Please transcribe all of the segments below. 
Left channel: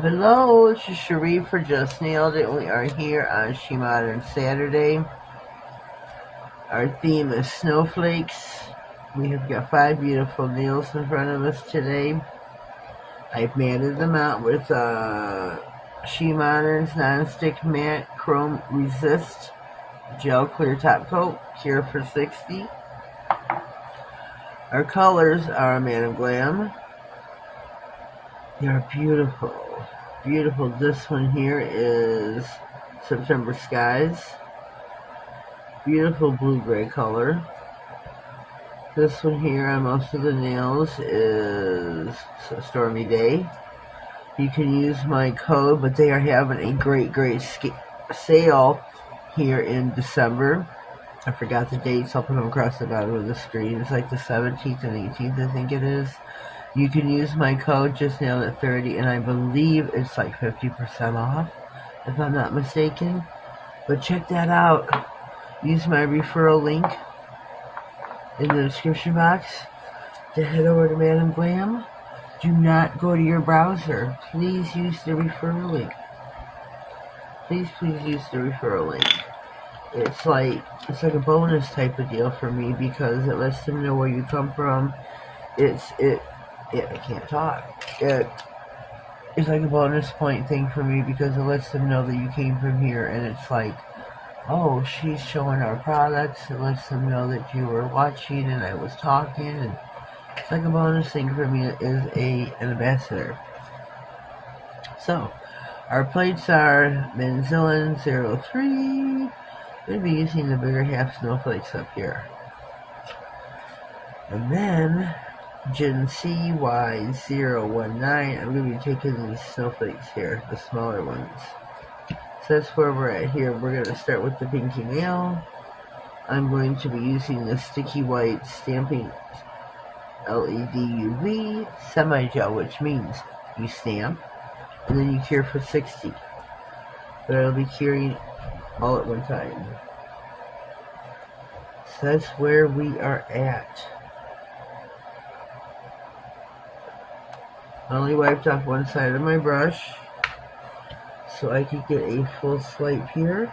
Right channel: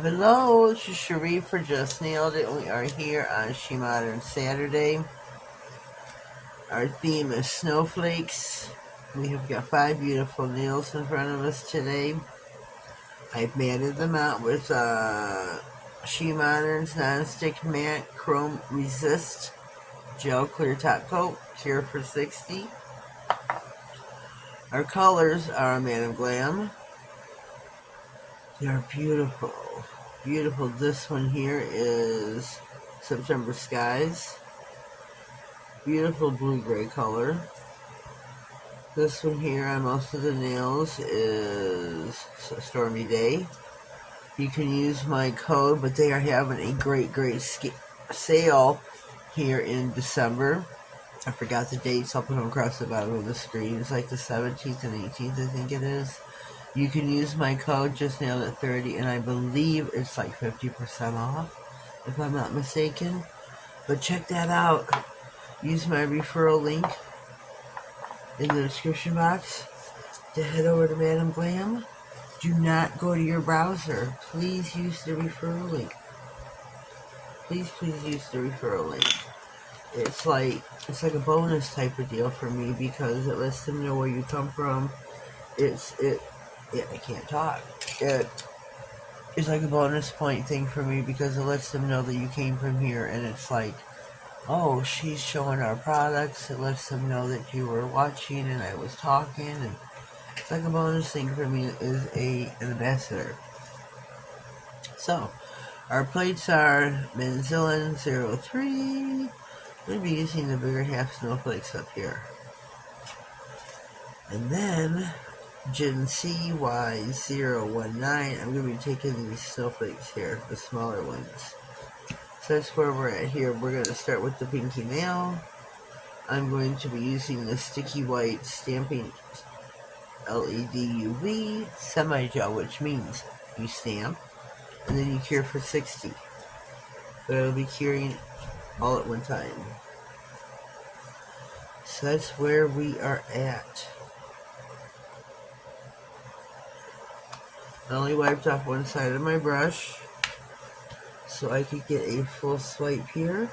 Hello, it's Cherie for Just Nailed It. We are here on SheModern Saturday. Our theme is snowflakes. We have got 5 beautiful nails in front of us today. I've matted them out with SheModern's Non-Stick Matte Chrome Resist Gel Clear Top Coat, Cure for 60. Our colors are Matte and Glam. They are beautiful. Beautiful. This one here is September Skies. Beautiful blue-gray color. This one here on most of the nails is Stormy Day. You can use my code, but they are having a great sale here in December. I forgot the dates. I'll put them across the bottom of the screen. It's like the 17th and 18th, I think it is. You can use my code Just.nailedIt30, and I believe it's like 50% off, if I'm not mistaken. But check that out. Use my referral link in the description box to head over to Madam Glam. Do not go to your browser. Please use the referral link. Please use the referral link. It's like a bonus type of deal for me because it lets them know where you come from. I can't talk. It's like a bonus point thing for me because it lets them know that you came from here, and it's like, oh, she's showing our products. It lets them know that you were watching and I was talking, and it's like a bonus thing for me as an ambassador. So, our plates are Manzillin 03. I'm going to be using the bigger half snowflakes up here. And then Gen CY019, I'm going to be taking these snowflakes here, the smaller ones. So that's where we're at here. We're going to start with the pinky nail. I'm going to be using the sticky white stamping LED UV semi-gel, which means you stamp and then you cure for 60. But I'll be curing all at one time. So that's where we are at. I only wiped off one side of my brush so I could get a full swipe here.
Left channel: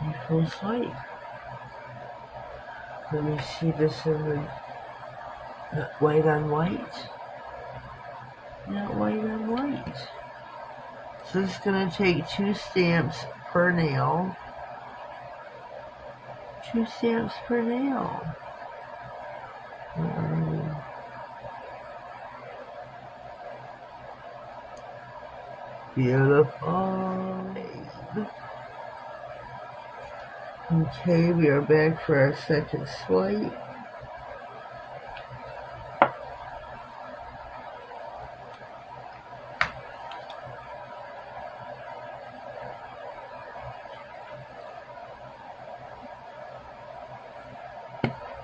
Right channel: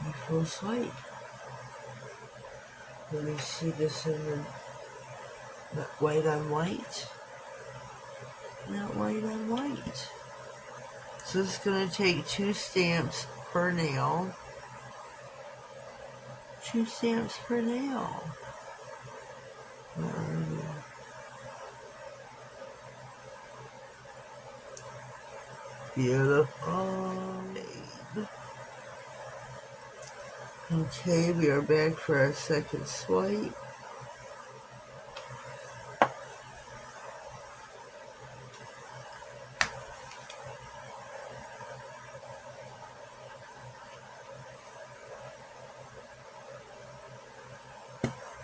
A full swipe. Let me see this in not white on white. Not white on white. So this is going to take 2 stamps per nail. 2 stamps per nail. Beautiful. Okay, we are back for our second swipe.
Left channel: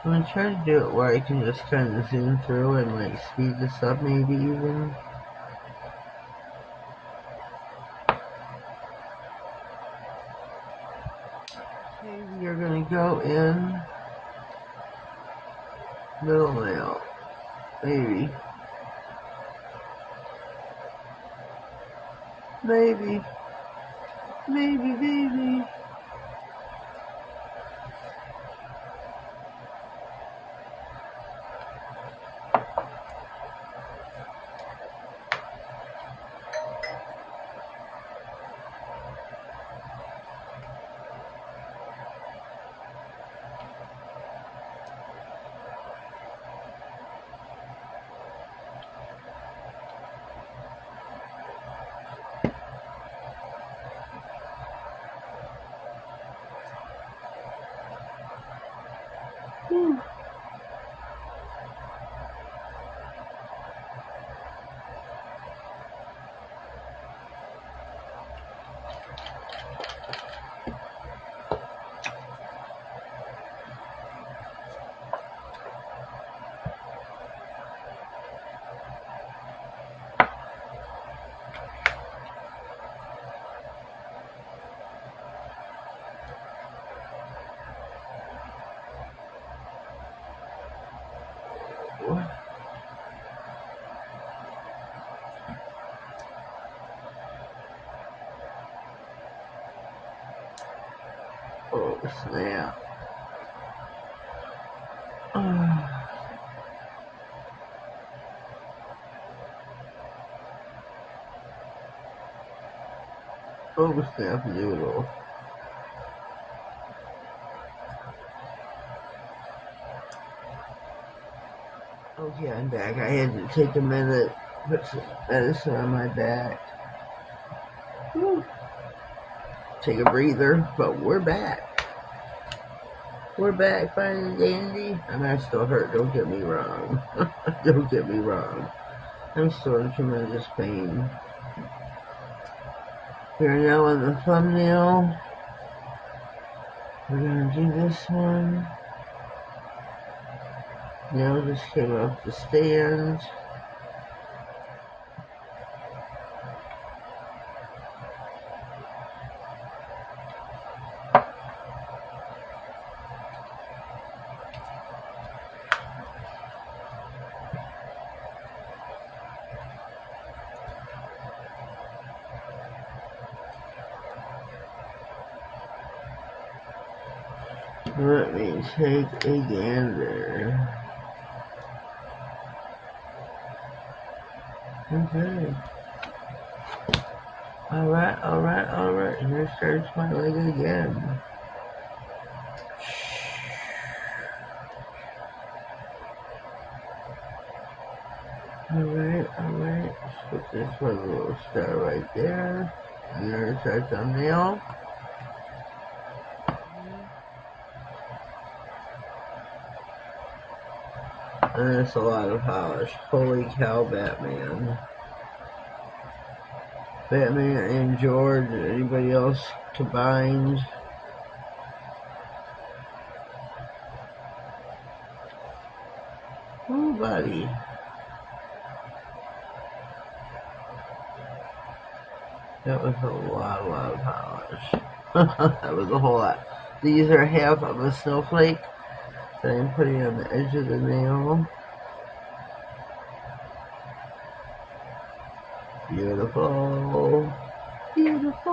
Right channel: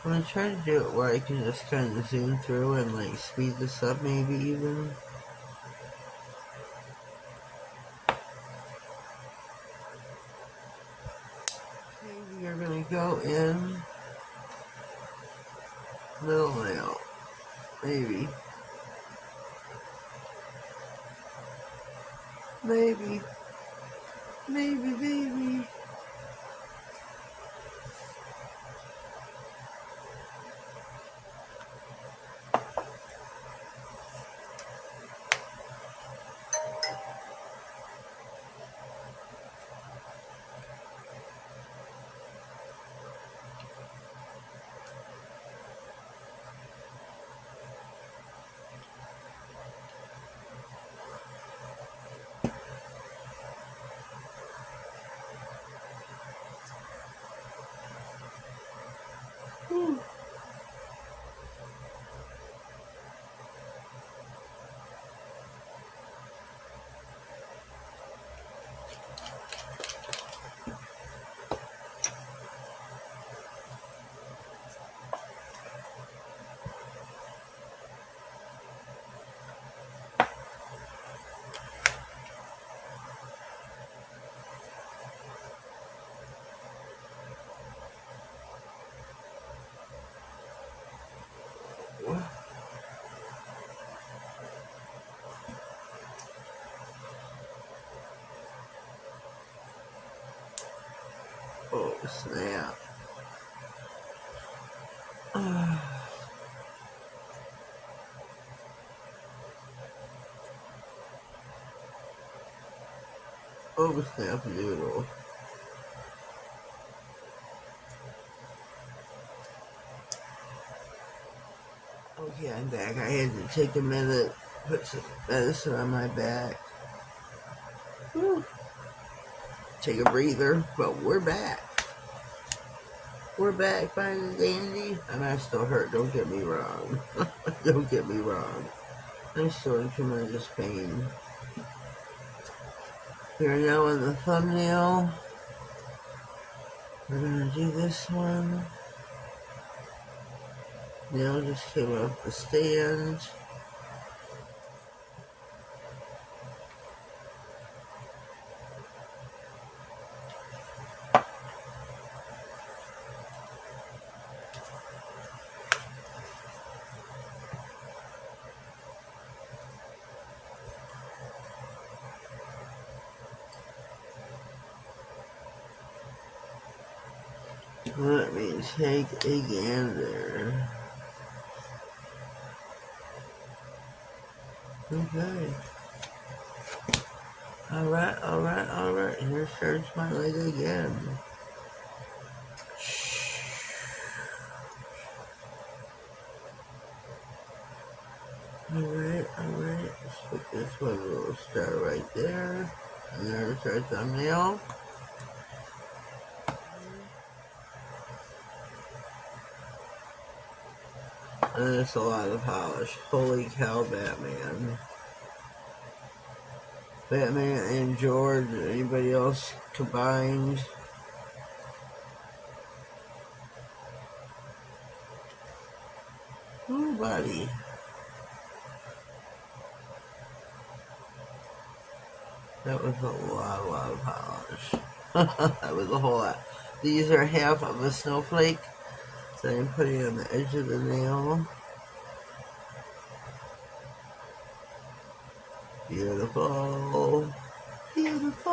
I'm going to try to do it where I can just kind of zoom through and like speed this up maybe even. You're going to go in middle nail, maybe. snap. Oh, snap noodle. Okay, I'm back. I had to take a minute, put some medicine on my back. Whew. Take a breather, but we're back. We're back, fine and dandy. And I still hurt, don't get me wrong. Don't get me wrong. I'm still in tremendous pain. We're now on the thumbnail. We're gonna do this one. Nail just came off the stand. Let me take a gander. Okay. Alright. Here starts my leg again. Alright. Let's put this one little star right there. And there's our thumbnail. And that's a lot of polish. Holy cow, Batman. Batman and George and anybody else combined. Oh, buddy. That was a lot of polish. That was a whole lot. These are half of a snowflake that I'm putting on the edge of the nail. Beautiful. Beautiful.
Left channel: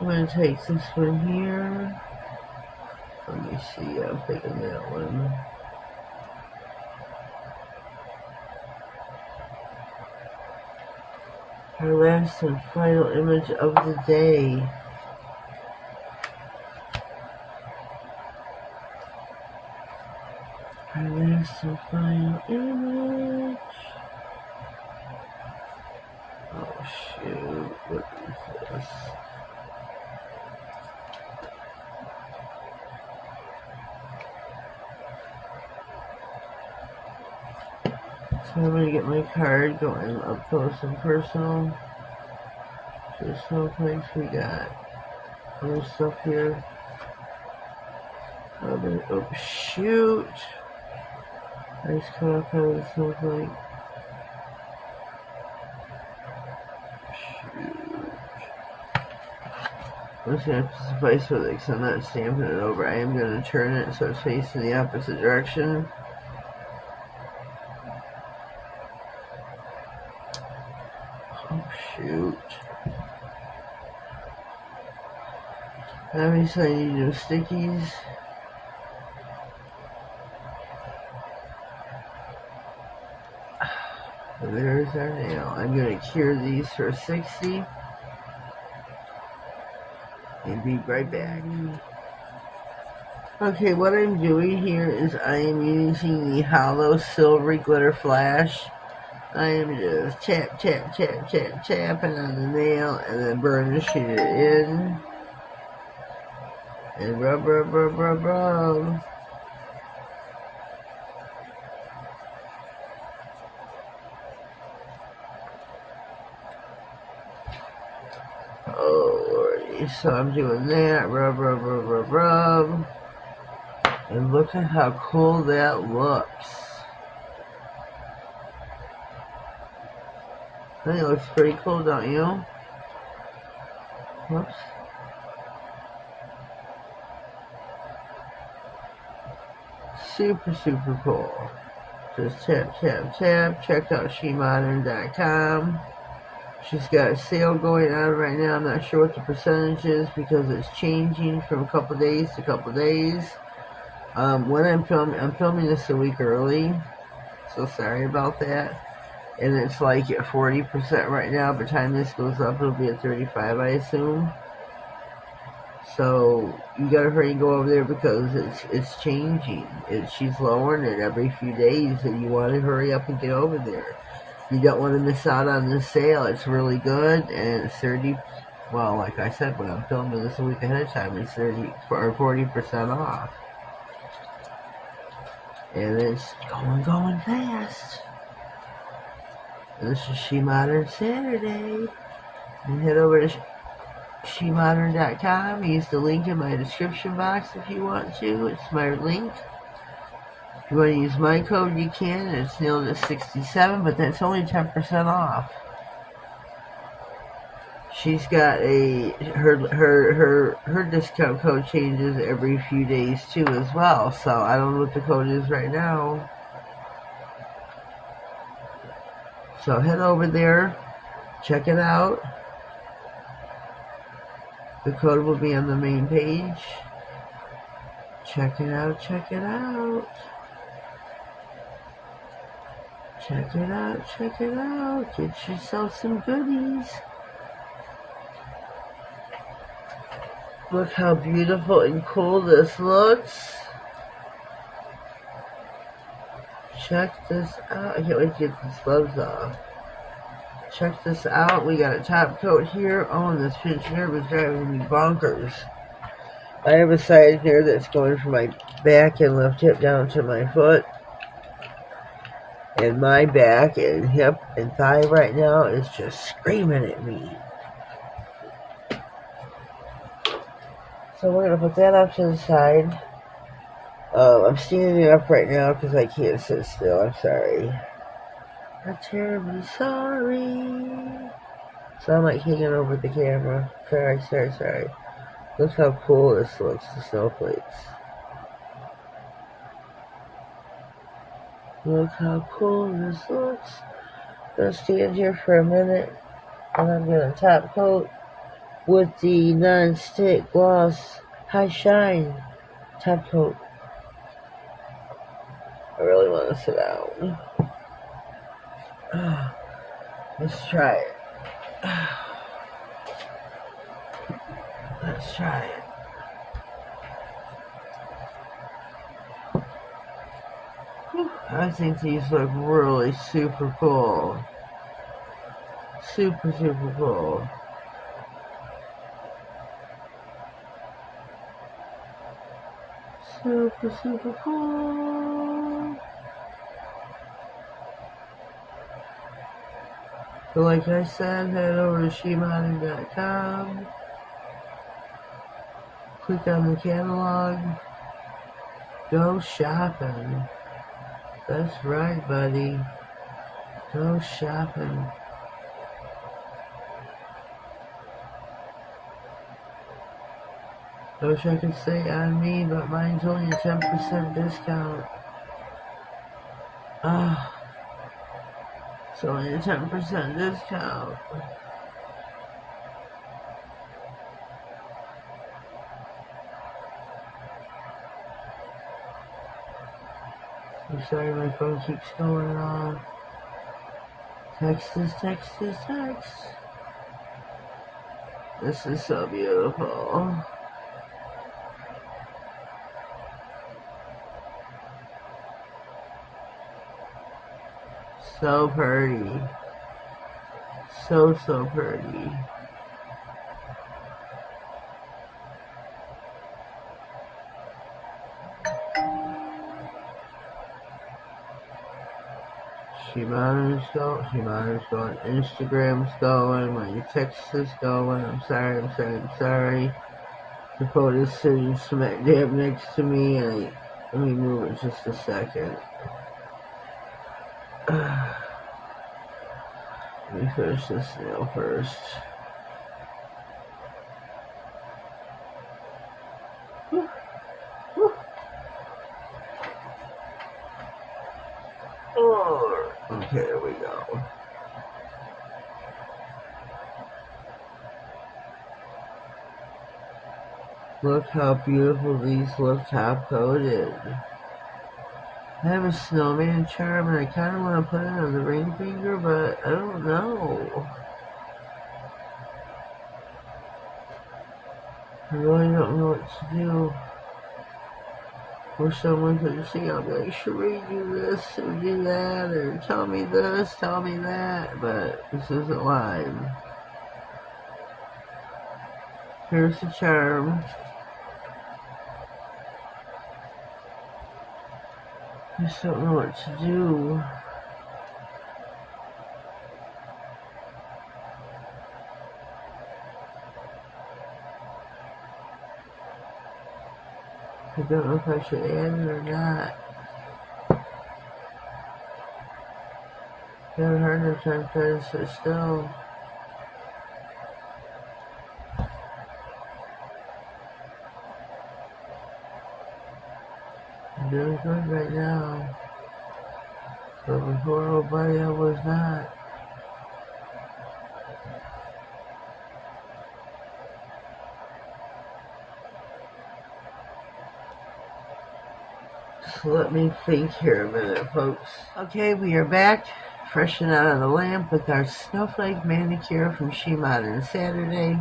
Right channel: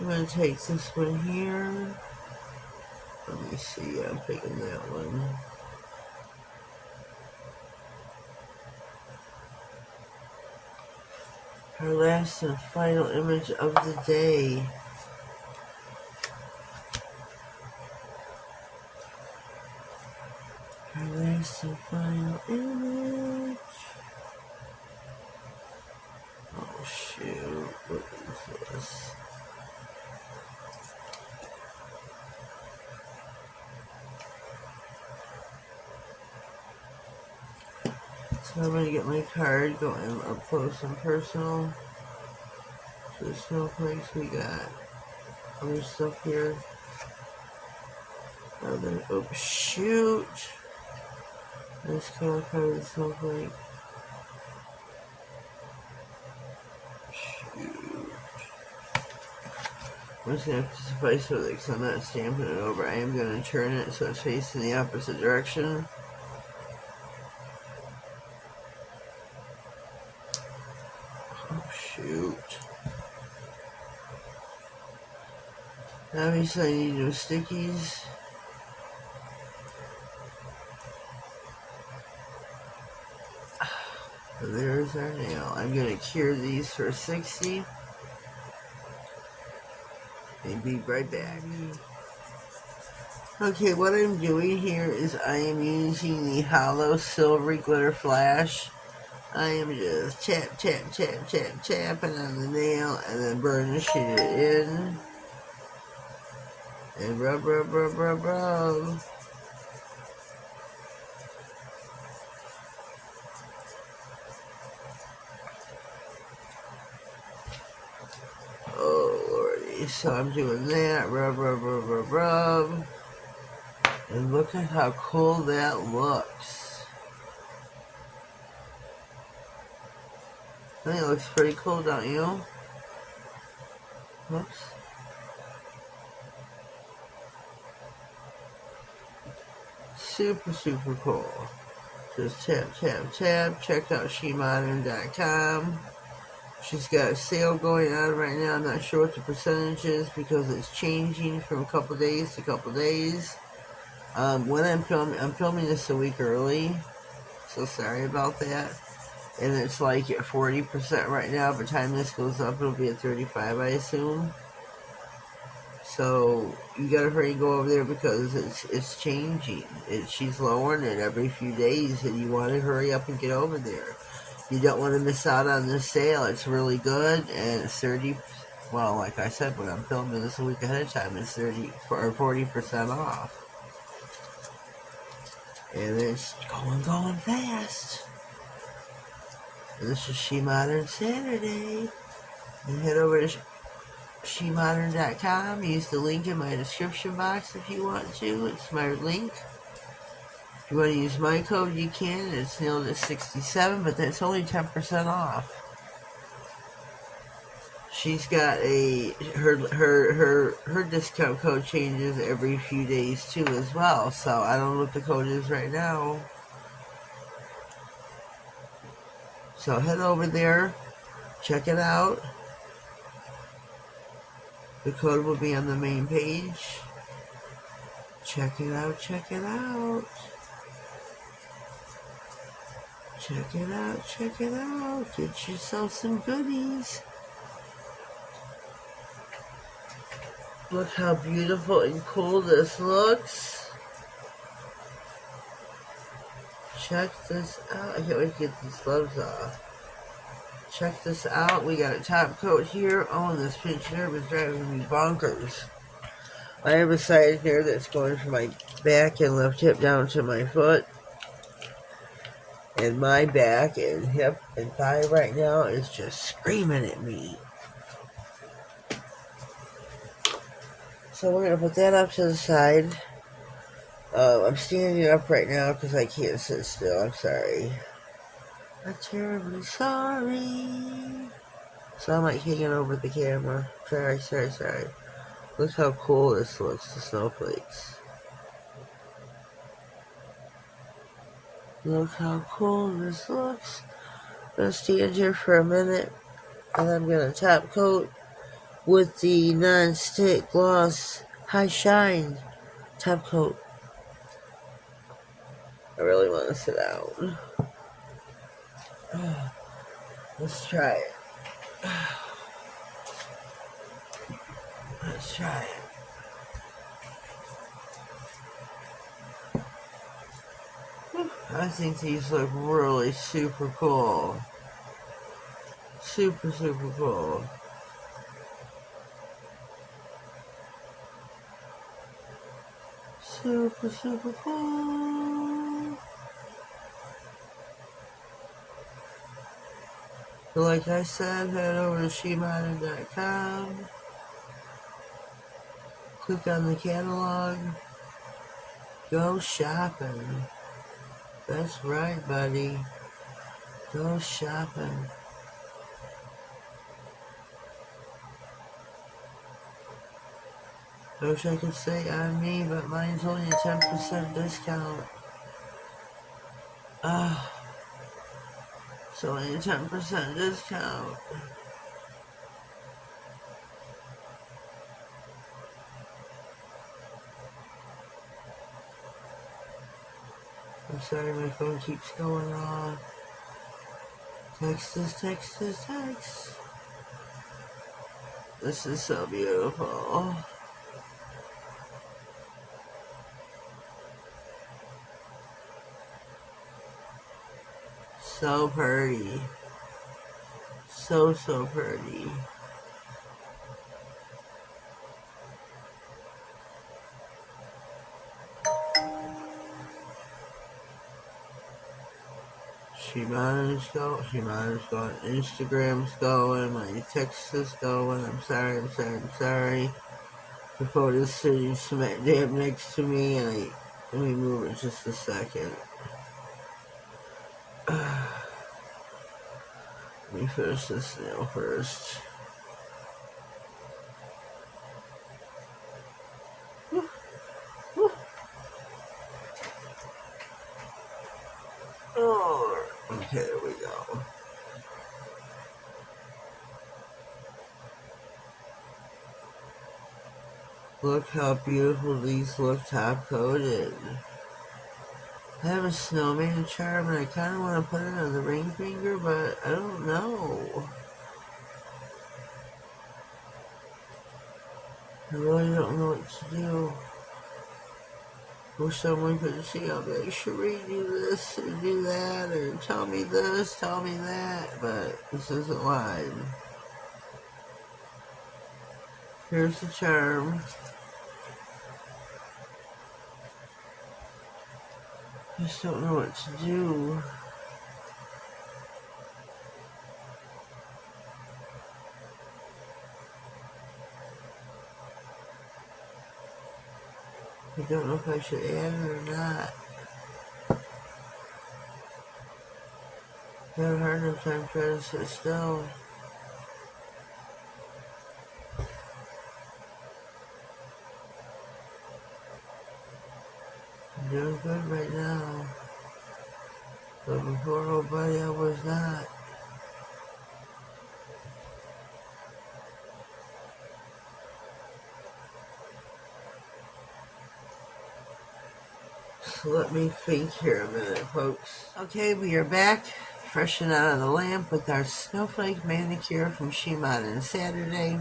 I'm going to take this one here. Let me see, I'm picking that one. Our last and final image of the day. Our last and final image. Oh shoot, what is this? So I'm going to get my card going up close and personal. So snowflakes, we got other stuff here. Oh shoot! Nice cut out of the snowflake. Shoot. I'm just going to have to suffice with it because I'm not stamping it over. I am going to turn it so it's facing the opposite direction. Oh shoot. Obviously I need no stickies. So there's our nail. I'm going to cure these for 60. And be right back. Okay, what I'm doing here is I am using the hollow silvery glitter flash. I am just tapping on the nail and then burnishing it in. And rub. Oh lordy, so I'm doing that, rub. And look at how cool that looks. I think it looks pretty cool, don't you? Whoops. Super cool. Just tap. Check out SheModern.com. She's got a sale going on right now. I'm not sure what the percentage is because it's changing from a couple days to a couple days. When I'm filming this a week early, so sorry about that. And it's like at 40% right now. By the time this goes up, it'll be at 35, I assume. So you gotta hurry and go over there because it's changing. She's lowering it every few days, and you want to hurry up and get over there. You don't want to miss out on this sale. It's really good, and it's 30. Well, like I said, when I'm filming this a week ahead of time, it's 30 or 40% off, and it's going fast. This is SheModern Saturday, and head over to SheModern.com. Use the link in my description box if you want to. It's my link. If you want to use my code, you can. It's NailedIt67, but that's only 10% off. She's got her discount code changes every few days too as well. So I don't know what the code is right now. So head over there, check it out. The code will be on the main page. Check it out, check it out. Check it out, check it out. Get yourself some goodies. Look how beautiful and cool this looks. Check this out. I can't wait to get these gloves off. Check this out. We got a top coat here. Oh, and this pinch nerve is driving me bonkers. I have a side here that's going from my back and left hip down to my foot. And my back and hip and thigh right now is just screaming at me. So we're going to put that up to the side. I'm standing up right now because I can't sit still. I'm sorry. I'm terribly sorry. So I'm like hanging over the camera. Sorry. Look how cool this looks, the snowflakes. Look how cool this looks. I'm going to stand here for a minute. And I'm going to top coat with the non-stick gloss high shine top coat. I really want to sit down. Let's try it. Let's try it. I think these look really super cool. Super cool. Super cool. So like I said, head over to SheModern.com. Click on the catalog. Go shopping. That's right, buddy. Go shopping. I wish I could say on me, but mine's only a 10% discount. It's only a 10% discount. I'm sorry, my phone keeps going on. Text. This is so beautiful. So pretty. So pretty. SheModern's going, Instagram's going, my text is going. I'm sorry. The phone is sitting smack dab next to me. Let me move it just a second. Let me finish this nail first. Oh, okay, there we go. Look how beautiful these look top coated. I have a snowman charm and I kind of want to put it on the ring finger, but I don't know. I really don't know what to do. Or someone could see, I'll be like, Cherie, do this or do that, or tell me this, tell me that, but this isn't live. Here's the charm. Just don't know what to do. I don't know if I should add it or not. I haven't heard enough time trying to sit still. I'm doing good right now. But before, oh buddy, I was not. So let me think here a minute, folks. Okay, we are back, fresh and out of the lamp with our Snowflake manicure from SheModern Saturday.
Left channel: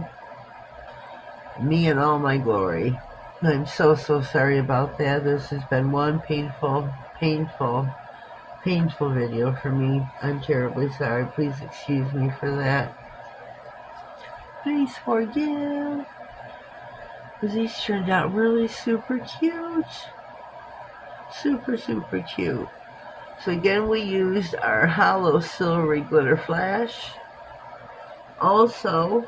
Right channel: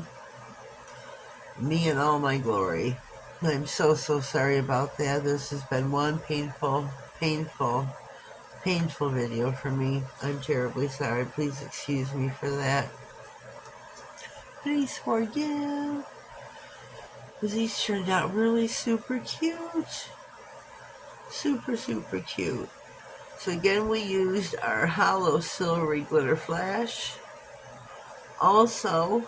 Me in all my glory. I'm so sorry about that. This has been one painful video for me. I'm terribly sorry. Please excuse me for that. Please forgive. These turned out really super cute. Super cute. So again, we used our hollow silvery glitter flash. Also,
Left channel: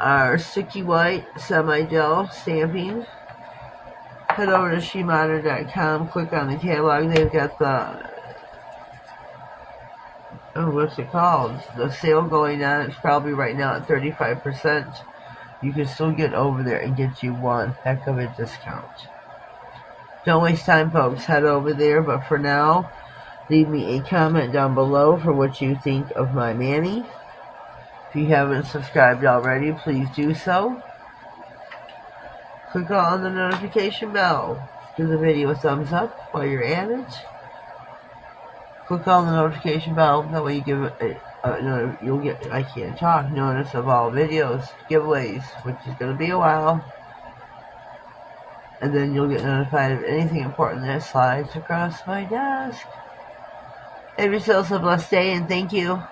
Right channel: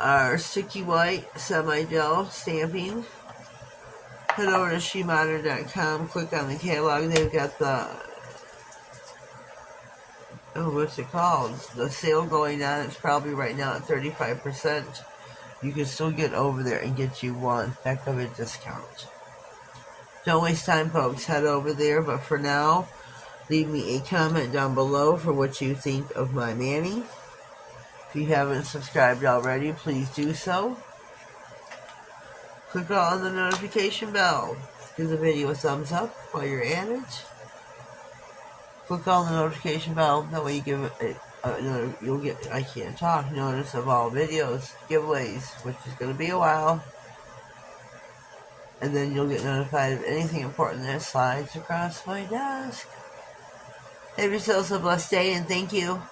our sticky white semi-gel stamping. Head over to SheModern.com, click on the catalog. They've got the, what's it called? The sale going on. It's probably right now at 35%. You can still get over there and get you one heck of a discount. Don't waste time, folks. Head over there. But for now, leave me a comment down below for what you think of my Mani. If you haven't subscribed already, please do so. Click on the notification bell. Give the video a thumbs up while you're at it. Click on the notification bell. That way you give it you'll get, I can't talk, notice of all videos, giveaways, which is going to be a while. And then you'll get notified of anything important that slides across my desk. Have yourselves a blessed day, and thank you.